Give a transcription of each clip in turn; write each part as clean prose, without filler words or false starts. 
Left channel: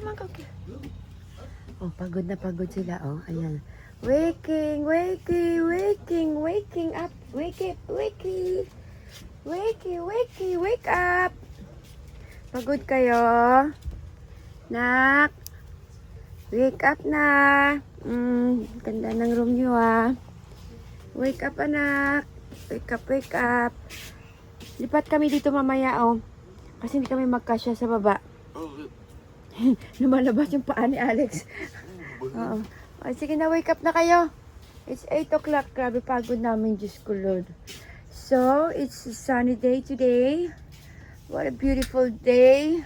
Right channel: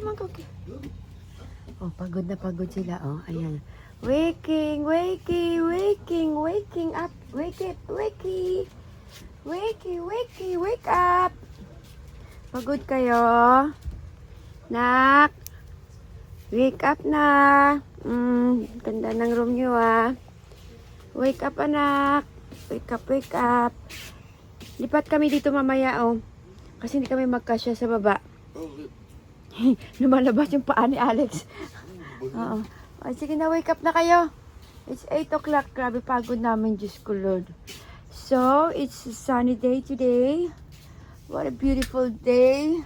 come on, go. Oh, pagod na pagod sila. Oh, ayan. Waking, waking, waking, waking up. Wake it, wakey. Wakey, wakey, wake up. Pagod kayo? Nak? Wake up na. Ganda ng room nyo ah. Wake up anak. Wake up, wake up. Lipat kami dito mamaya oh. Kasi hindi kami magkasya sa baba. Lumalabas yung paa ni Alex. Oo. Oh, sige na, wake up na kayo. It's 8 o'clock. Grabe pagod namin, Diyos ko Lord. So, it's a sunny day today. What a beautiful day.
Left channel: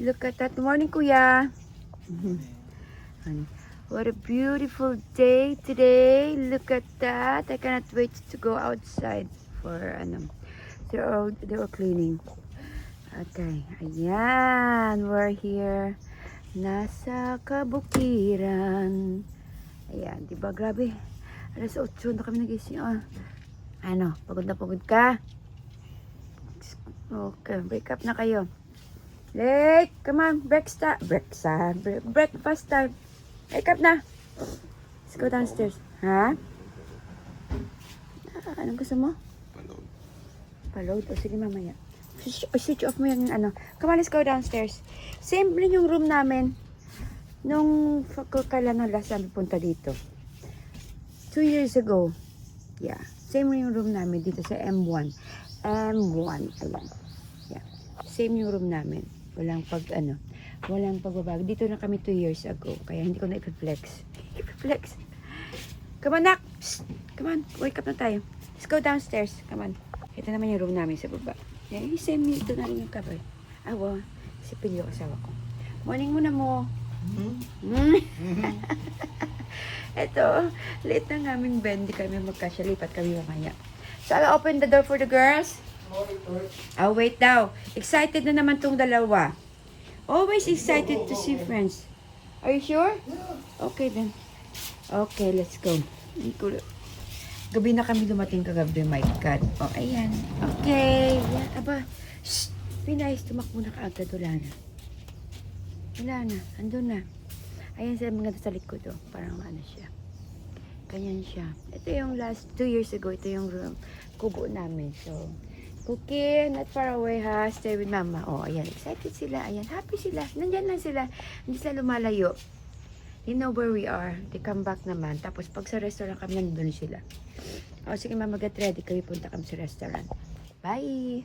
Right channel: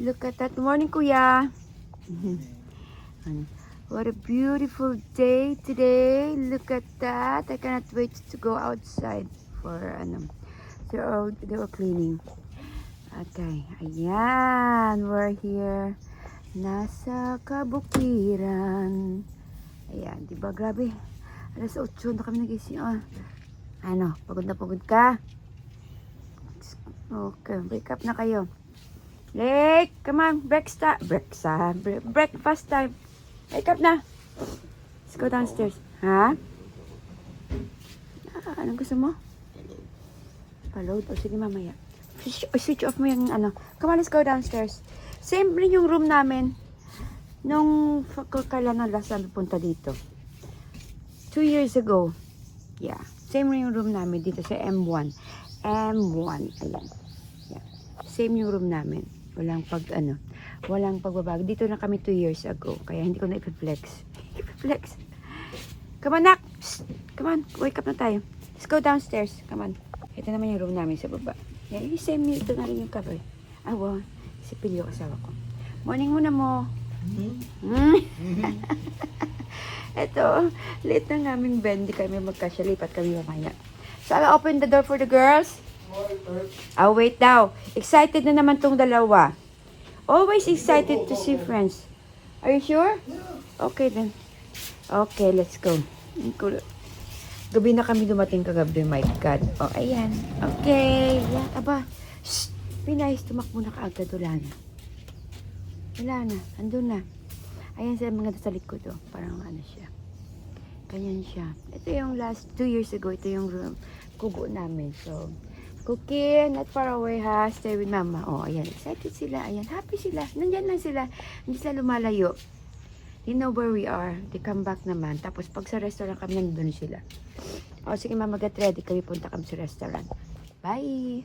Look at that. Morning, Kuya. What a beautiful day today. Look at that. I cannot wait to go outside for they're cleaning. Okay. Ayan. We're here. Nasa kabukiran. Ayan. Diba? Grabe. Alas 8 na kami nagising. Oh. Ano? Pagod na pagod ka? Okay. Wake up na kayo. Lake, come on, breakfast time. Wake up na. Let's go downstairs. Ha? Anong gusto mo? Paload. Paload? O sige mamaya. Switch off mo yung ano. Come on, let's go downstairs. Same rin yung room namin. Nung kailan na last time punta dito. 2 years ago. Yeah. Same rin yung room namin dito sa M1. M1. Yeah. Same yung room namin. Walang pagbabago. Dito na kami 2 years ago. Kaya hindi ko na ipag-flex. Flex. Come on, Nak. Come on. Wake up na tayo. Let's go downstairs. Come on. Ito naman yung room namin sa baba. Yan. Same ito na rin yung cover. Ah, wow. Sa pilyo kasama ko. Morning muna mo. Ito. Late na namin bed. Hindi kami magkasya. Lipat kami mamaya. So, I'll open the door for the girls. Oh, wait daw. Excited na naman tong dalawa. Always excited to see friends. Are you sure? Okay then. Okay, let's go. Gabi na kami dumating kagabi. My God. Oh, ayan. Okay. Yan. Aba. Shh. Pinayos. Tumakbo na kaagad. Wala na. Wala na. Andun na. Ayan sa mga sa likod. Oh. Parang ano siya. Ganyan siya. Ito yung last 2 years ago. Ito yung room. Kubo namin. So, Cookie, not far away ha. Stay with mama. Oh, ayan. Excited sila. Ayan. Happy sila. Nandyan lang sila. Hindi sila lumalayo. You know where we are. They come back naman. Tapos pag sa restaurant kami, nandun sila. Oh, sige mama, get ready. Kami punta kami sa restaurant. Bye!